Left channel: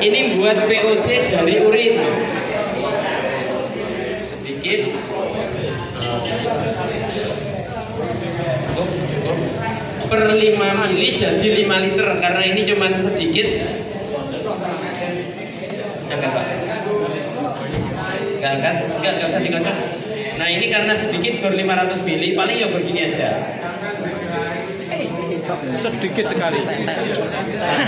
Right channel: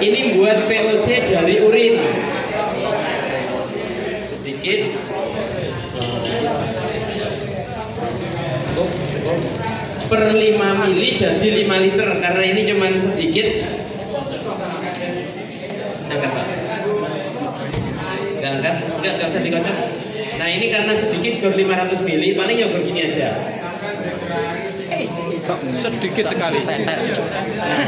Ini buat VOC dari urin. Sedikit. Per 5 mili jadi 5 liter karena ini cuma sedikit. Angkat Pak. Enggak usah dikocok. Nah ini karena sedikit gor 500 mili, paling ya gor gini aja. Sedikit sekali. Nah,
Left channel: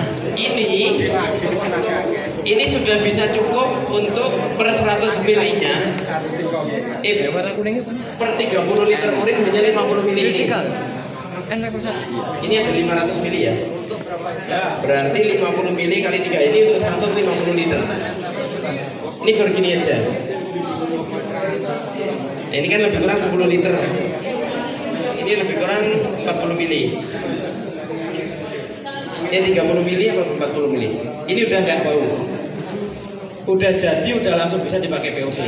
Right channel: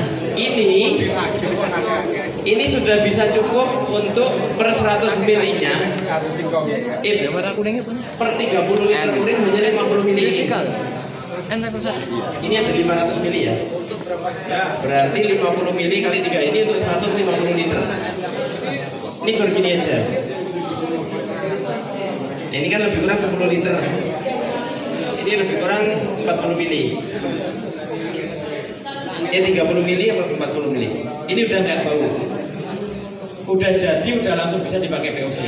ini sudah bisa cukup untuk per 100 milinya. Per 30 liter urin hanya 50 mili. Ini ada 500 mili ya. Berarti 50 mili kali 3 ini untuk 150 liter. Ini gor gini aja. Nah, ini kan lebih kurang 10 liter. Ini lebih kurang 40 mili. 30 mili apa 40 mili. Ini udah nggak bau. Udah jadi, udah langsung bisa dipakai VOC.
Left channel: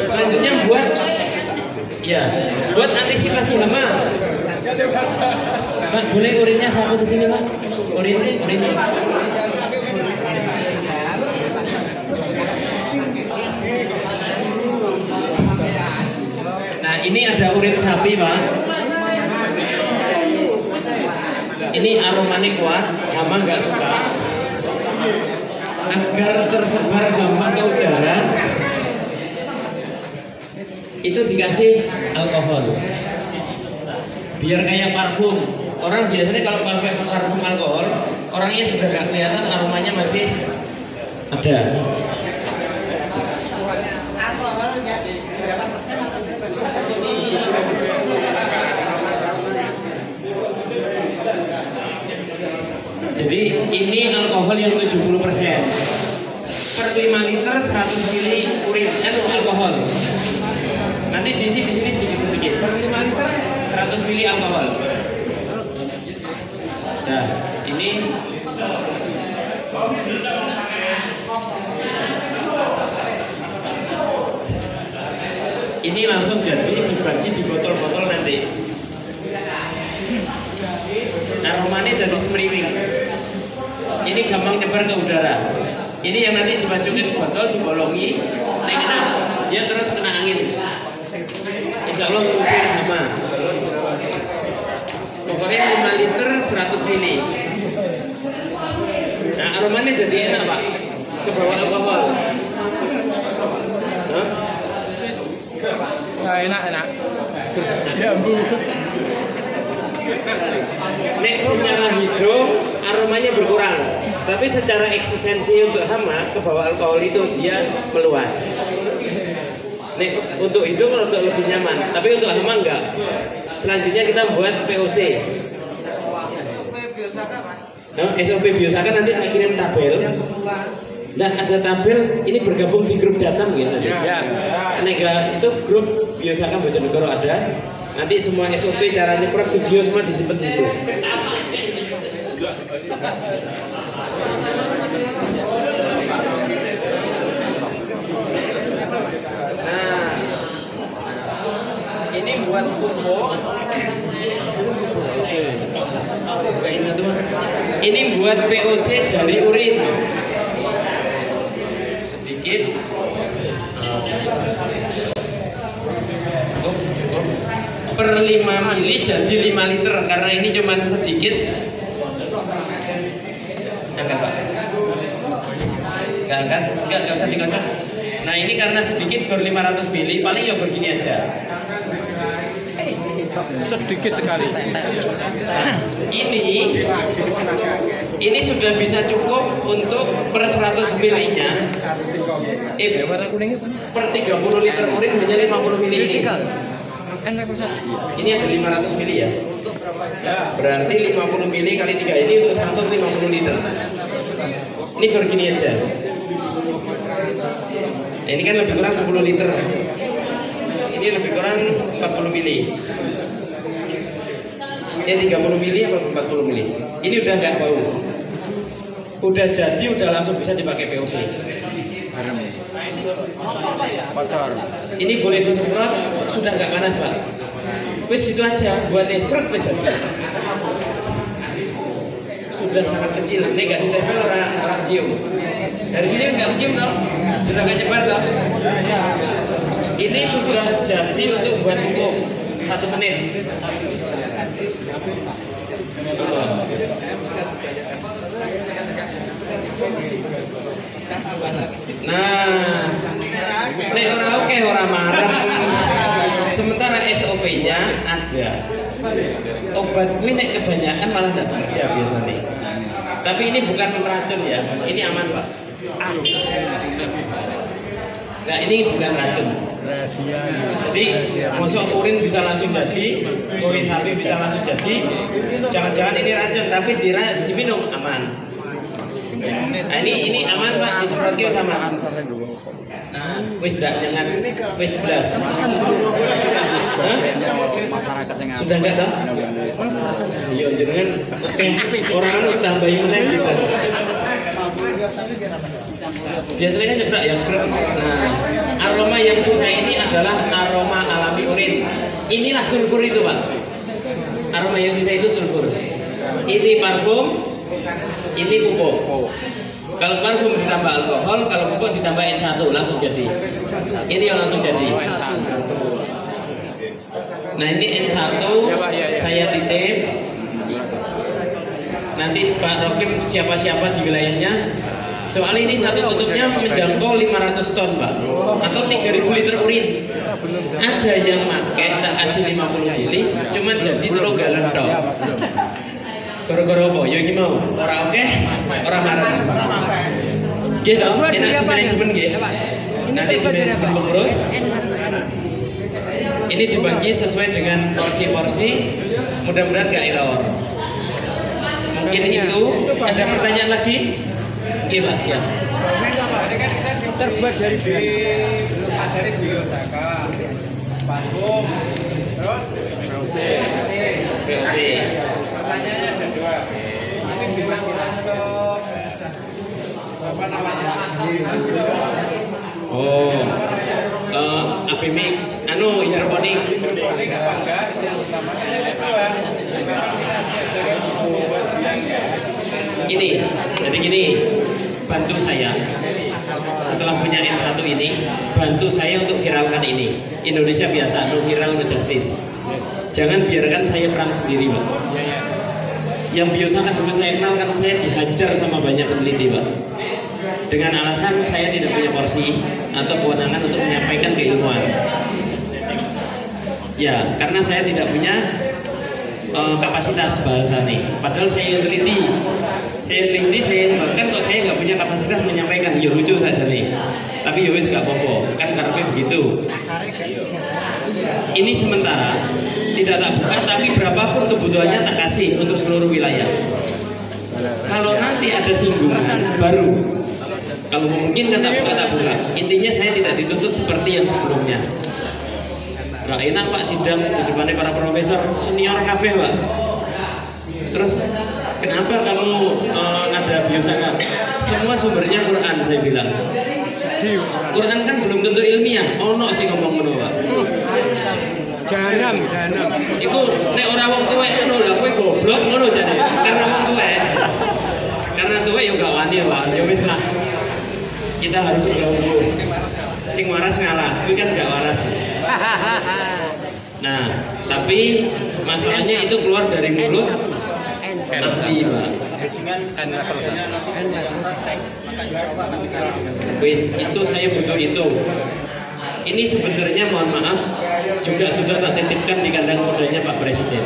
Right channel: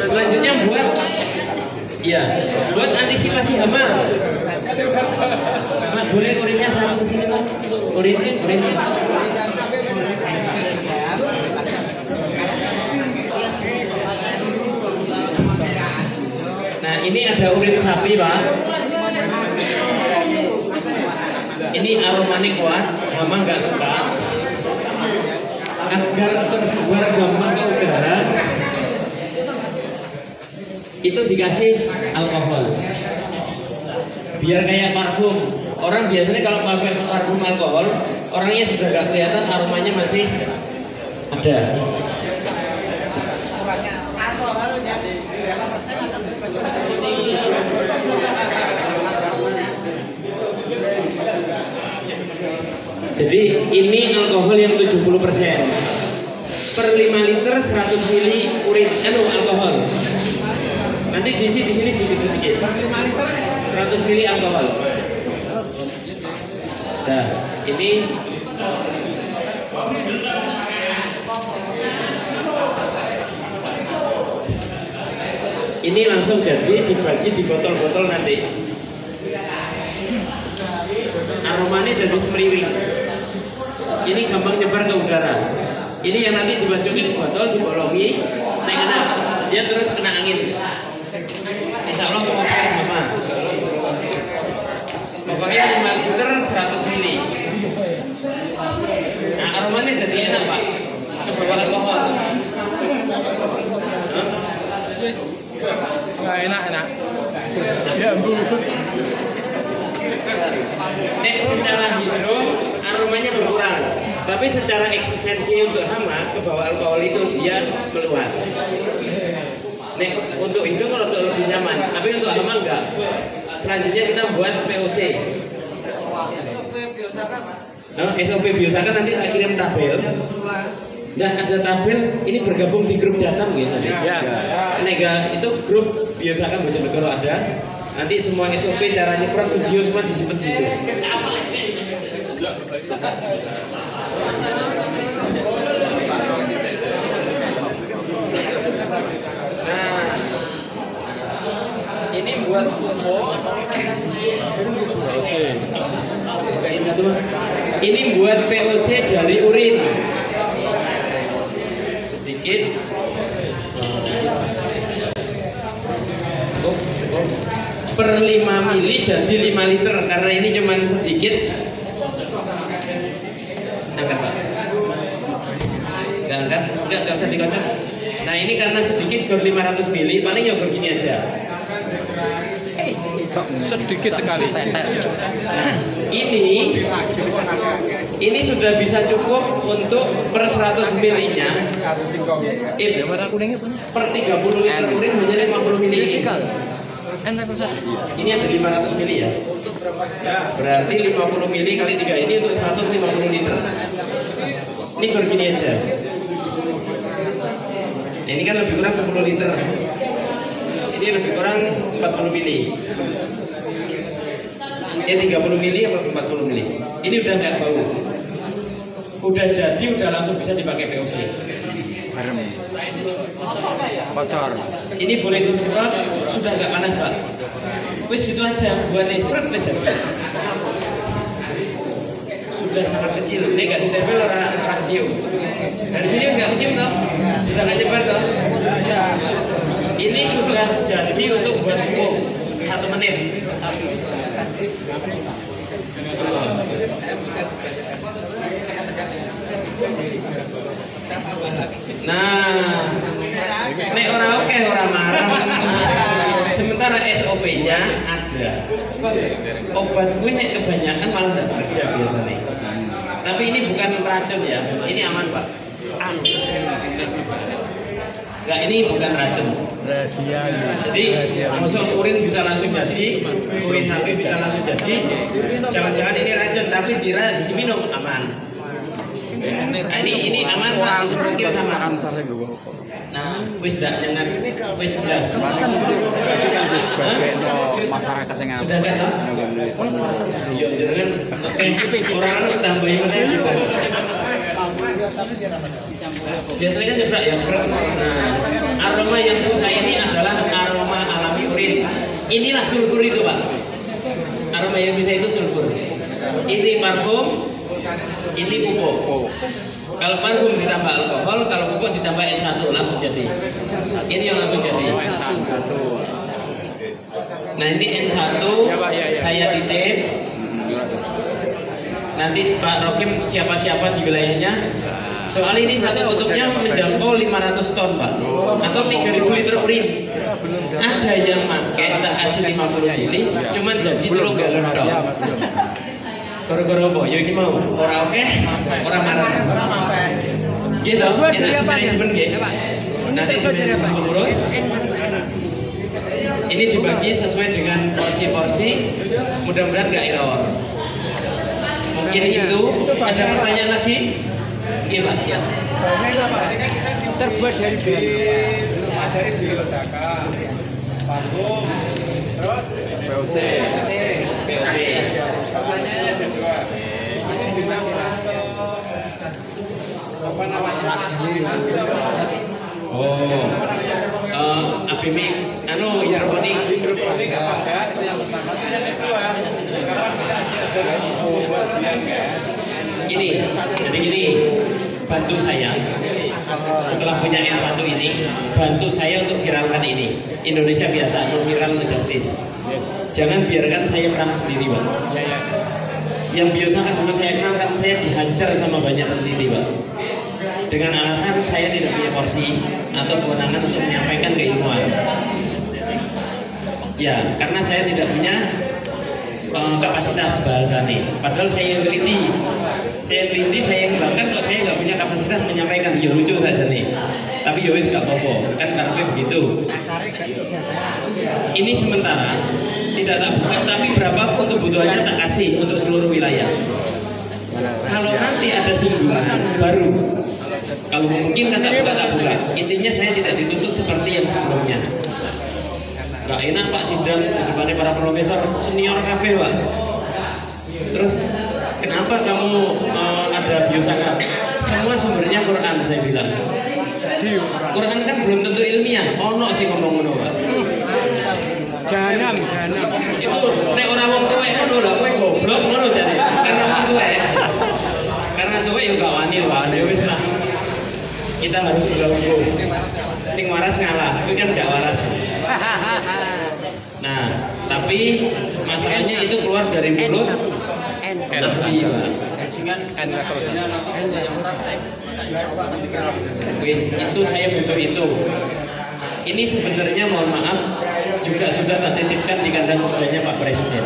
Selanjutnya buat antisipasi hama. Pak, boleh urinnya satu ke sini Pak. Urinnya. Nah, ini ada urin sapi Pak. Ini aromanya kuat, hama nggak suka. Agar tersebar gampang ke udara, itu dikasih alkohol. Biar kayak parfum. Orang biasanya kalau pakai parfum alkohol, orangnya sudah nggak kelihatan, aromanya masih ada. Jadi ini alkohol yang 70%. Per 5 liter 100 mili urin alkohol. Nanti diisi di sini sedikit. Per 5 liter 100 mili alkohol. Nah, ini langsung jadi dibagi di botol-botol nanti. Aromanya jadi semeriwing. Ini gampang nyebar ke udara. Ini yang nanti dimasukin botol, dibolongi, dia terus kena angin. Insya Allah musnah hama. Pokoknya 5 liter 100 mili. Nah, aromanya jadi enak Pak. Kebawa alkohol. Nah, enak. Ya Bu. Nek secara hidup aromanya berkurang, tapi secara eksistensi untuk hama kebawa alkohol itu dia meluas. Nek untuk itu kalau untuk lebih nyaman, tapi untuk hama enggak. Selanjutnya kita buat VOC. SOP Biosaka nanti saya kirim tabel. Nah, ada tabel ini bergabung di grup Jatam gitu nanti. Ya. Nega itu grup Biosaka Bojonegoro ada. Nanti semua SOP cara nyeprot video semua disimpan di situ. Nah, ini buat pupuk. Ini buat VOC dari urin. Sedikit. Per 5 mili jadi 5 liter karena ini cuma sedikit. Angkat Pak. Enggak usah dikocok. Nah ini karena sedikit gor 500 mili, paling ya gor gini aja. Sedikit sekali. Nah, ini sudah bisa cukup untuk per 100 milinya. Per 30 liter urin hanya 50 mili. Ini ada 500 mili ya. Berarti 50 mili kali 3 ini untuk 150 liter. Ini gor gini aja. Nah, ini kan lebih kurang 10 liter. Ini lebih kurang 40 mili. 30 mili apa 40 mili. Ini udah nggak bau. udah jadi udah langsung bisa dipakai POC. Bocor. Ini boleh disemprot, sudah nggak panas Pak. Wis itu aja, buat efek wis jadi. Sudah sangat kecil, ini nggak ditempel orang cium. Dari sini nggak kecium tau, sudah nggak nyebar tau. Ini sudah jadi untuk buat umum 1 menit. Nah, nek orang oke orang marah. Sementara SOP-nya ada. Obat ini kebanyakan malah tidak kerja biasanya. Tapi ini bukan racun ya, ini aman Pak. Nah ini bukan racun. Jadi masuk urin bisa langsung jadi, urin sapi bisa langsung jadi. Jangan-jangan ini racun, tapi diminum aman. Nah, ini aman Pak, disemprotnya sama. Nah, wis dah jangan wis belas. Sudah enggak toh? Yo jenengan orang anu tambahin meneh gitu. Biasanya juga yang nah, aroma yang sisa ini adalah aroma alami urin. Inilah sulfur itu Pak. Aroma yang sisa itu sulfur. Ini parfum, ini pupuk. Kalau parfum ditambah alkohol, kalau pupuk ditambah N1 langsung jadi. Ini yang langsung jadi. Nah ini N1 ya, Pak, ya. Saya titip. Nanti Pak Rokim siapa-siapa di wilayahnya. Soal ini satu tutupnya menjangkau 500 ton Pak, atau 3.000 liter urin. Ada yang pakai tak kasih 50 mili, cuman jadi telur galon dong. Gara-gara apa? Ya ini mau orang oke, orang marah. Gitu. Terbuat dari apa ya? Ini terbuat dari apa? Terus ini dibagi sesuai dengan porsi-porsi. Mudah-mudahan nggak error. Mungkin itu. Ada pertanyaan lagi? Iya Pak, siap. Terbuat dari bahan apa? Dari biosaka, parfum, terus POC. pertanyaannya ada 2. Ini bisa masuk apa namanya? Apimix, hidroponik. Hidroponik apa enggak? Itu yang pertama. Yang kedua, kapan kita dari buat biang ya? Jadi gini, bantu saya. Setelah punya N1 ini, bantu saya untuk viralkan ini. Indonesia biasa, no viral no justice. Jangan biarkan saya perang sendiri, Pak. Yang biasa kan dulu saya kenal kan saya dihajar sama banyak peneliti, Pak. Dengan alasan saya tidak punya porsi atau kewenangan untuk menyampaikan keilmuan. Ya, karena saya tidak punya kapasitas bahasa nih. Padahal saya teliti, saya bahkan kok saya nggak punya kapasitas menyampaikan. Ya lucu saja nih. Tapi yowis nggak apa-apa, kan karena begitu. Ini sementara tidak tak buka, tapi berapapun kebutuhannya tak kasih untuk seluruh wilayah. Kalau nanti ada singgungan baru, kalau mungkin kan tak buka. Intinya saya tidak dituntut seperti yang sebelumnya. Gak enak Pak sidang di depannya para profesor senior KB Pak. Terus kenapa kamu ada biosaka? Semua sumbernya Quran saya bilang. Quran kan belum tentu ilmiah. Ono sih ngomong-ngomong Pak. Janam. Itu nek ora wong tuwek ngono lha kowe goblok ngono jane. Karena wong tuwek. Karena tuwek ya gak wani Pak. Ya wis lah. Kita harus jago. Sing waras ngalah. Itu kan gak waras. Nah, tapi masalahnya itu keluar dari mulut ahli Pak. Wis itu saya butuh itu. Ini sebenarnya mohon maaf juga sudah tak titipkan di kandang kudanya Pak Presiden.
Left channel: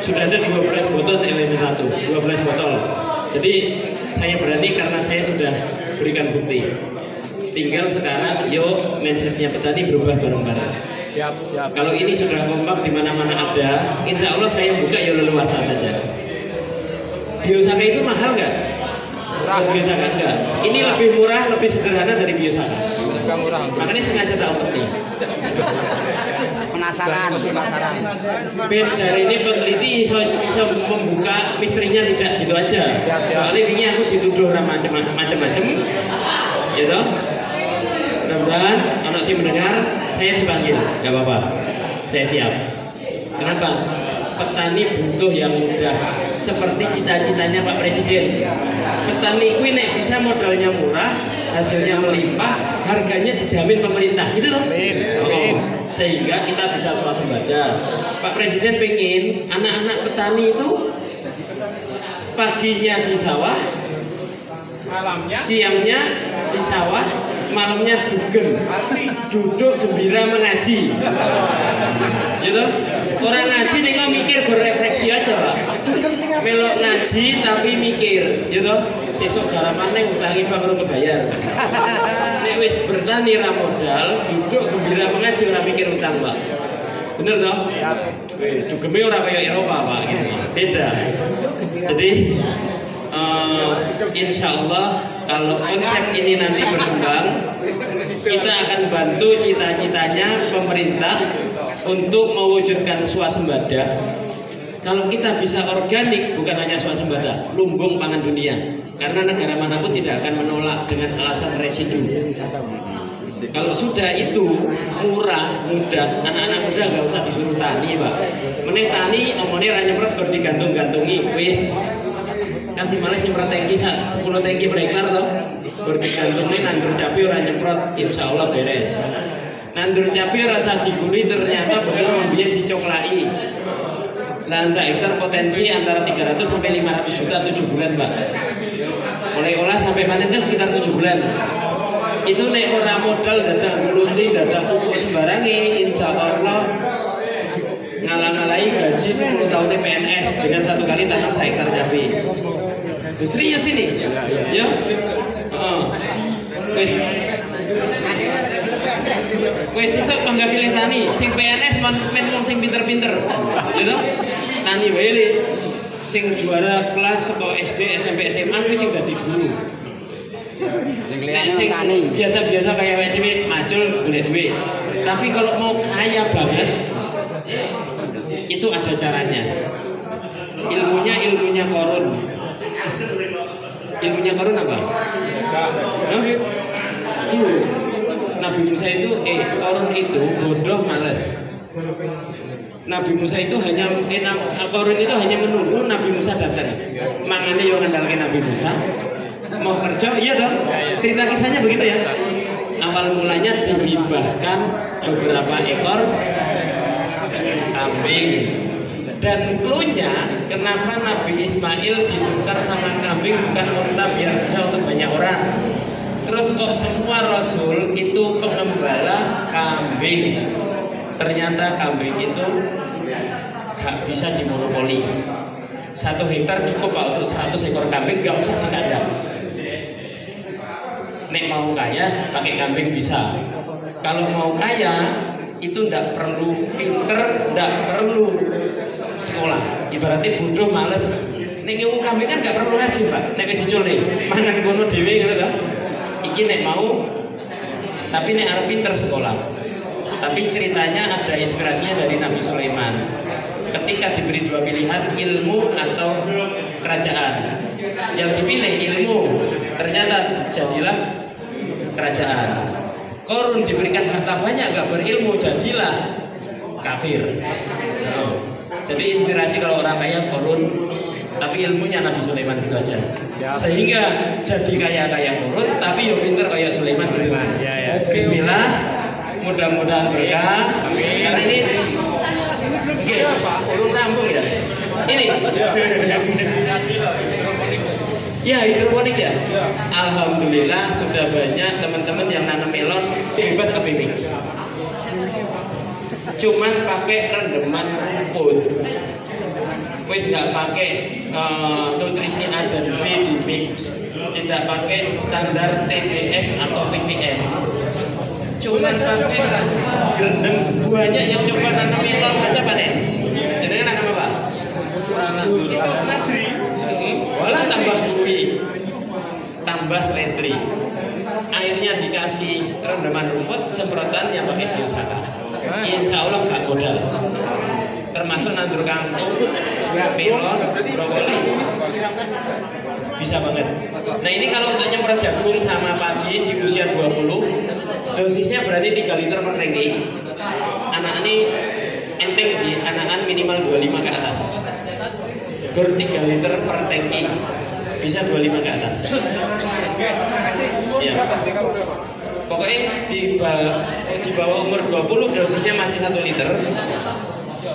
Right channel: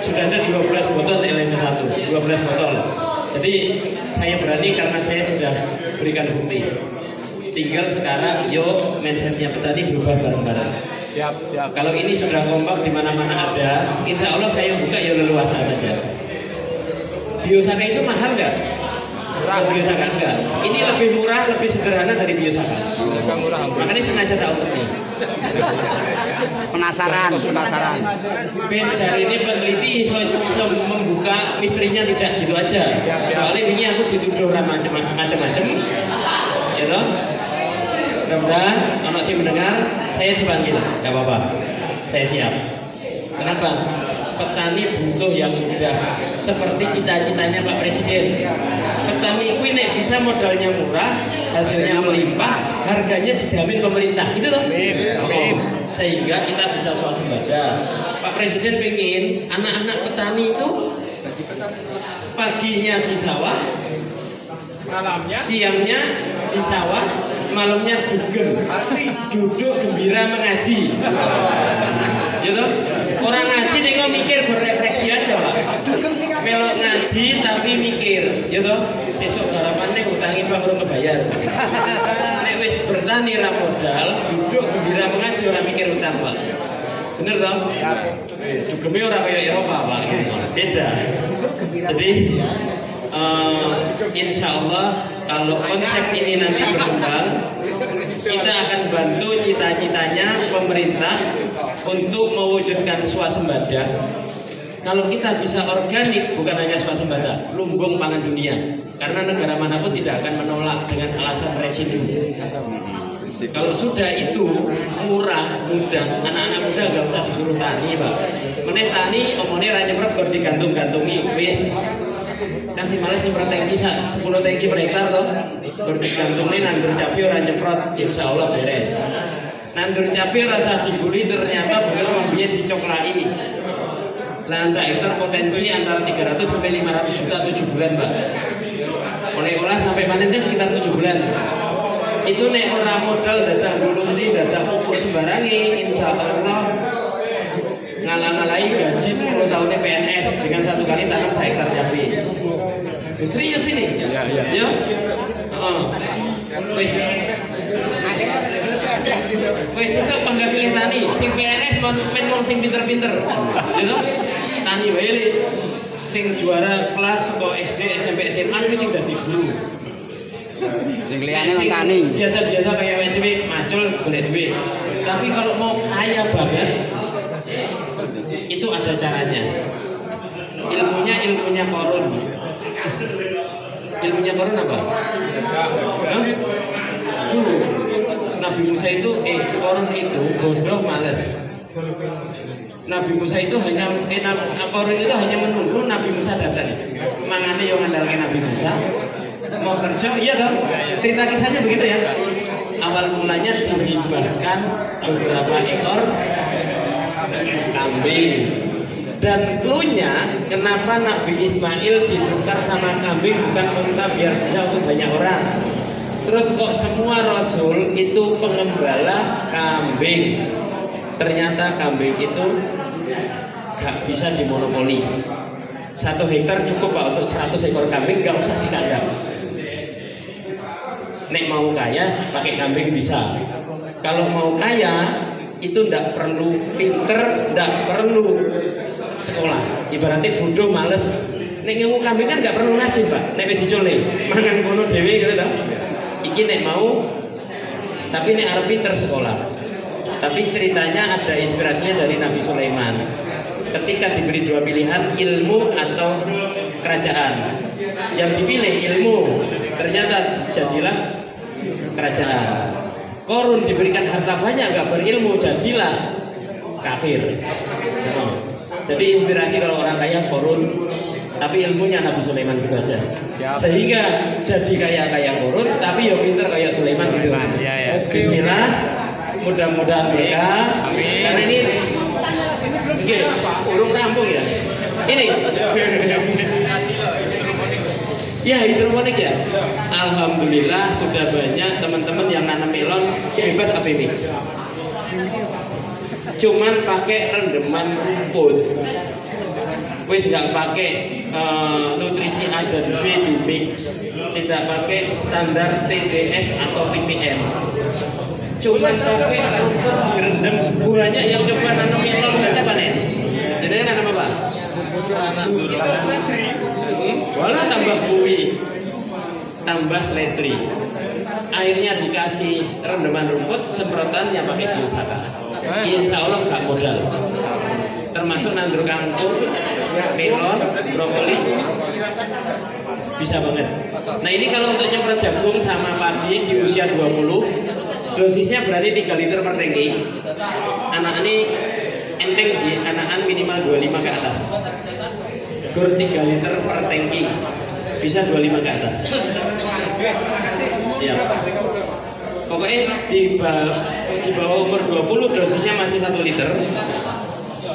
Sudah ada 12 botol LM1, 12 botol. Jadi saya berani karena saya sudah berikan bukti. Tinggal sekarang yuk mindsetnya petani berubah bareng-bareng. Siap. Kalau ini sudah kompak di mana-mana ada, insya Allah saya buka ya leluasa saja. Biosaka itu mahal nggak? Biosakan enggak. Ini lebih murah, lebih sederhana dari biosakan. Biosakan murah. Makanya sengaja tak omongin. Penasaran. Ben hari ini peneliti iso membuka misterinya tidak gitu aja. Soalnya ini aku dituduh macam-macam, ya toh. Mudah-mudahan kalau sih mendengar, saya dipanggil, nggak apa-apa. Saya siap. Kenapa? Petani butuh yang mudah, seperti cita-citanya Pak Presiden. Petani kuwi nek bisa modalnya murah, hasilnya melimpah, harganya dijamin pemerintah, gitu loh. Amin. Sehingga kita bisa swasembada. Pak Presiden pengen anak-anak petani itu paginya di sawah, Malamnya siangnya di sawah, malamnya duduk gembira mengaji. Gitu. Orang ngaji nih kok mikir berefleksi aja Pak. Melok ngaji tapi mikir, gitu. Sesuk garapane utangi Pak kurang kebayar. Nek wis bertani ra modal, duduk gembira mengaji ora mikir utang Pak. Bener toh? Dugeme ora kayak Eropa Pak. Beda. Jadi insya Allah kalau konsep ini nanti berkembang, kita akan bantu cita-citanya pemerintah untuk mewujudkan swasembada. Kalau kita bisa organik, bukan hanya swasembada, lumbung pangan dunia. Karena negara manapun tidak akan menolak dengan alasan residu. Kalau sudah itu murah, mudah, anak-anak muda nggak usah disuruh tani Pak. Meneh tani, omongnya ra nyemprot gur digantung-gantungi, wis. Kan si Malaysia nyemprot tangki 10 tangki per hektar toh. Gur digantungin nandur cabai ora nyemprot, insya Allah beres. Nandur cabai rasa dibuli ternyata bener membiayai dicoklai. Lahan sak hektar potensi antara 300 sampai 500 juta 7 bulan Pak. Mulai olah sampai panennya sekitar 7 bulan. Itu nek ora modal dadah ngulunti, dadah pupuk sembarangi, insya Allah ngalang-alangi gaji 10 tahunnya PNS dengan 1 kali tanam 1 hektar cabai. Serius ini? Ya. Wes sesuk bangga pilih tani, sing PNS pen sing pinter-pinter. Gitu. Tani wae le. Sing juara kelas saka SD, SMP, SMA kuwi sing dadi guru. Sing liyane tani. Biasa-biasa kayak wae dhewe macul golek duit. Tapi kalau mau kaya banget itu ada caranya. Ilmunya Korun. Ilmunya Korun apa? Tuh, Nabi Musa itu Korun itu bodoh males. Nabi Musa itu Korun itu hanya menunggu Nabi Musa datang. Mangane yang ngandalkan Nabi Musa. Mau kerja, iya dong. Cerita kisahnya begitu ya. Awal mulanya dihibahkan beberapa ekor kambing. Dan cluenya kenapa Nabi Ismail ditukar sama kambing bukan unta biar bisa untuk banyak orang. Terus kok semua Rasul itu pengembala kambing. Ternyata kambing itu gak bisa dimonopoli. 1 hektar cukup Pak untuk 100 ekor kambing, gak usah dikandang. Nek mau kaya pakai kambing bisa. Kalau mau kaya itu ndak perlu pinter, ndak perlu sekolah. Ibaratnya bodoh males. Nek ngewu kambing kan nggak perlu rajin Pak. Nek dicule mangan kono dhewe gitu kan. Iki nek mau, tapi nek arep pinter sekolah. Tapi ceritanya ada inspirasinya dari Nabi Sulaiman. Ketika diberi 2 pilihan, ilmu atau kerajaan. Yang dipilih ilmu, ternyata jadilah kerajaan. Korun diberikan harta banyak nggak berilmu, jadilah kafir. Jadi inspirasi kalau orang kaya Korun, tapi ilmunya Nabi Sulaiman gitu aja. Sehingga jadi kaya Korun, tapi yo pinter kayak Sulaiman gitu. Bismillah, mudah-mudahan berkah. Karena ini urung rampung ya. Ini ya hidroponik ya. Alhamdulillah sudah banyak teman-teman yang nanam melon bebas AB mix. Cuman pakai rendeman rumput. Wis nggak pakai nutrisi A dan B di mix. Tidak pakai standar TDS atau TPM. Cuman pakai rendem. Banyak yang coba nanam melon aja panen. Jadi nanam apa? Walah tambah kuwi. tambah seledri. Airnya dikasih rendaman rumput, semprotannya pakai biosaka. Insya Allah gak modal. Termasuk nandur kangkung, melon, brokoli, bisa banget. Nah ini kalau untuk nyemprot jagung sama padi di usia 20, dosisnya berarti 3 liter per tangki. Anak ini enteng di anakan minimal 25 ke atas. Gur 3 liter per tangki, bisa 25 ke atas. Siap. Pokoknya di bawah umur 20 dosisnya masih 1 liter.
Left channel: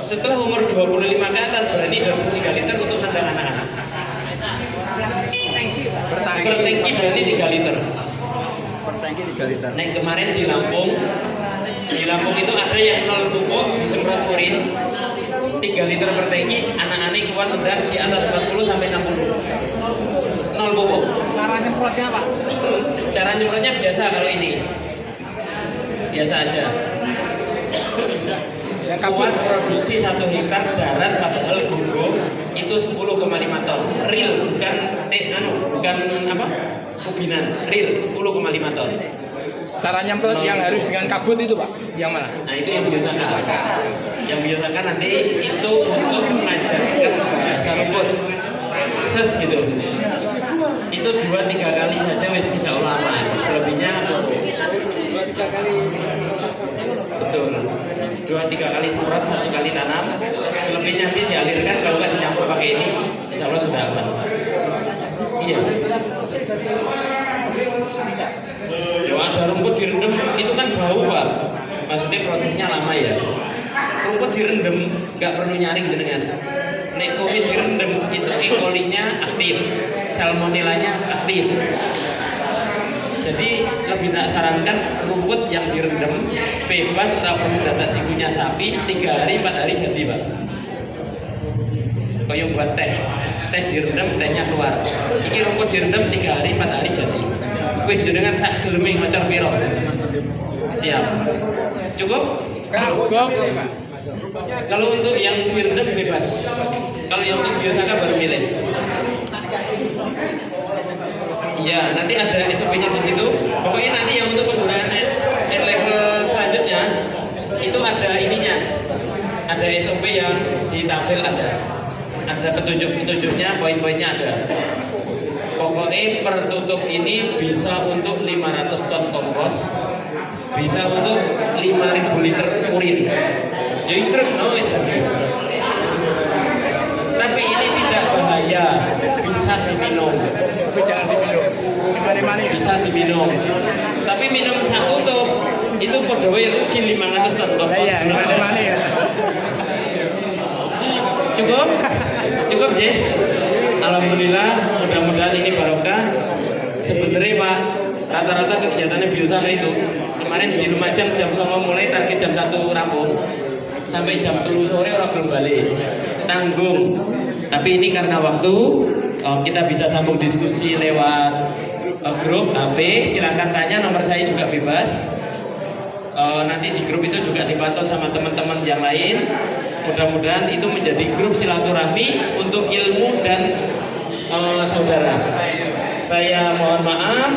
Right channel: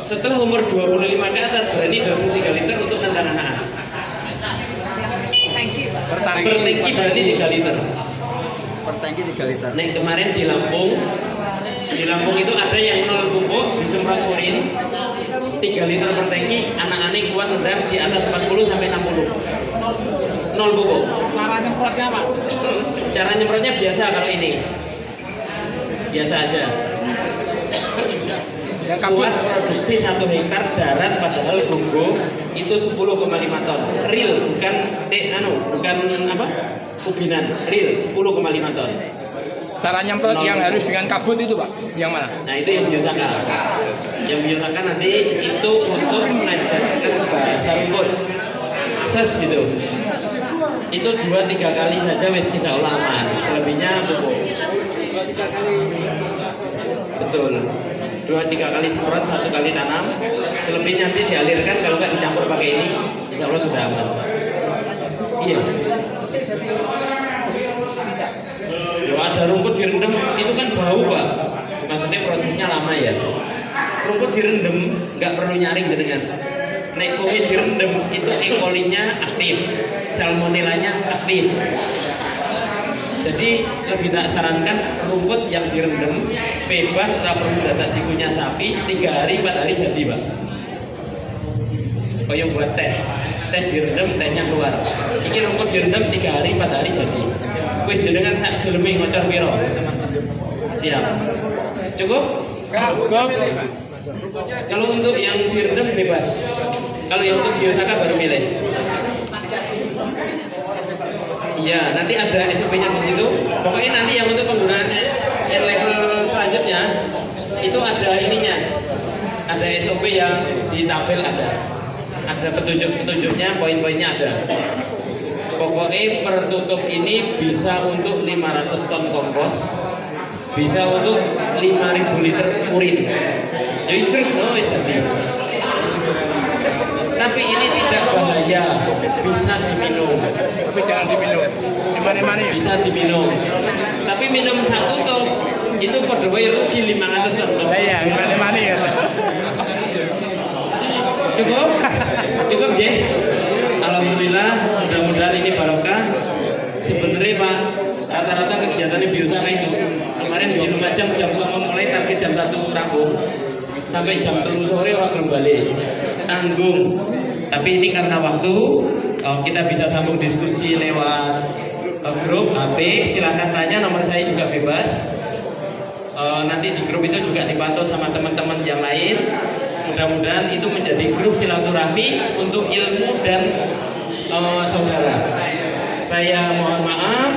Setelah umur 25 ke atas berani dosis 3 liter untuk nendang anak-anak. Per tangki berarti 3 liter. Per tangki 3 liter. Nah kemarin di Lampung itu ada yang 0 pupuk disemprot urin 3 liter per tangki, anak-anak kuat nendang di atas 40 sampai 60. 0 pupuk. Cara nyemprotnya apa? Cara nyemprotnya biasa kalau ini. Biasa aja. Kuat produksi 1 hektar darat padahal gunggung itu 10,5 ton. Real bukan bukan apa? Ubinan. Real 10,5 ton. Cara nyemprot yang harus dengan kabut itu Pak, yang mana? Nah itu yang biosaka. Yang biosaka nanti itu untuk mengajarkan bahasa rumput. Ses gitu. Itu 2-3 kali saja wes insya Allah aman. Selebihnya betul. 2-3 kali semprot, 1 kali tanam. Selebihnya nanti dialirkan kalau nggak dicampur pakai ini, insya Allah sudah aman. Iya. Loh, ada rumput direndam itu kan bau Pak. Maksudnya prosesnya lama ya. Rumput direndam nggak perlu nyaring jenengan. Nek COVID direndam itu E. coli-nya aktif, salmonellanya aktif. Jadi lebih tak sarankan rumput yang direndam bebas, nggak perlu datang dikunyah sapi 3 hari 4 hari jadi Pak. Kayak buat teh direndam tehnya keluar. Ini rumput direndam 3 hari 4 hari jadi. Wis jenengan sak geleming macam piro. Siap. Cukup? Cukup. Kalau untuk yang direndam bebas. Kalau yang untuk biosaka baru milih. Iya, nanti ada SOP-nya di situ. Pokoknya nanti yang untuk penggunaan air level selanjutnya itu ada ininya. Ada SOP yang di tabel ada. Ada petunjuk-petunjuknya, poin-poinnya ada. Pokoknya per tutup ini bisa untuk 500 ton kompos, bisa untuk 5.000 liter urin. Jadi truk tadi. Tapi ini tidak bahaya, bisa diminum. Tapi jangan diminum. Mani-mani. Bisa diminum. Tapi minum satu tuh itu perdowe rugi 500 ton kompos. Iya, mani-mani ya. Cukup ya. Alhamdulillah, mudah-mudahan ini barokah. Sebenarnya Pak, rata-rata kegiatannya biosaka itu kemarin di Lumajang jam 9 mulai, target jam 1 rampung sampai jam 3 sore orang belum balik. Tanggung. Tapi ini karena waktu kita bisa sambung diskusi lewat grup HP. Silahkan tanya, nomor saya juga bebas. Nanti di grup itu juga dipantau sama teman-teman yang lain. Mudah-mudahan itu menjadi grup silaturahmi untuk ilmu dan saudara. Saya mohon maaf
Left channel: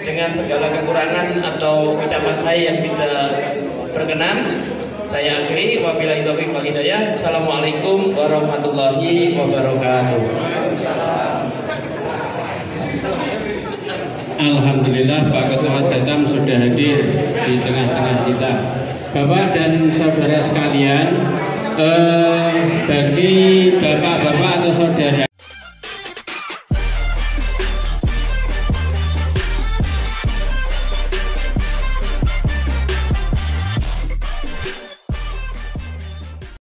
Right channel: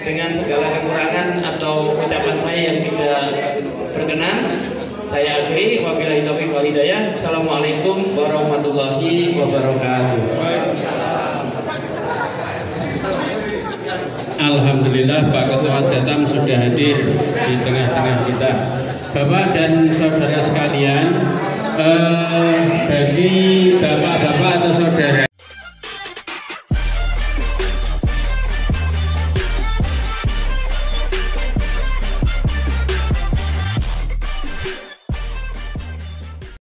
dengan segala kekurangan atau ucapan saya yang tidak berkenan. Saya akhiri, wabillahi taufiq wal hidayah. Assalamualaikum warahmatullahi wabarakatuh. Alhamdulillah Pak Ketua Jatam sudah hadir di tengah-tengah kita. Bapak dan saudara sekalian, bagi bapak-bapak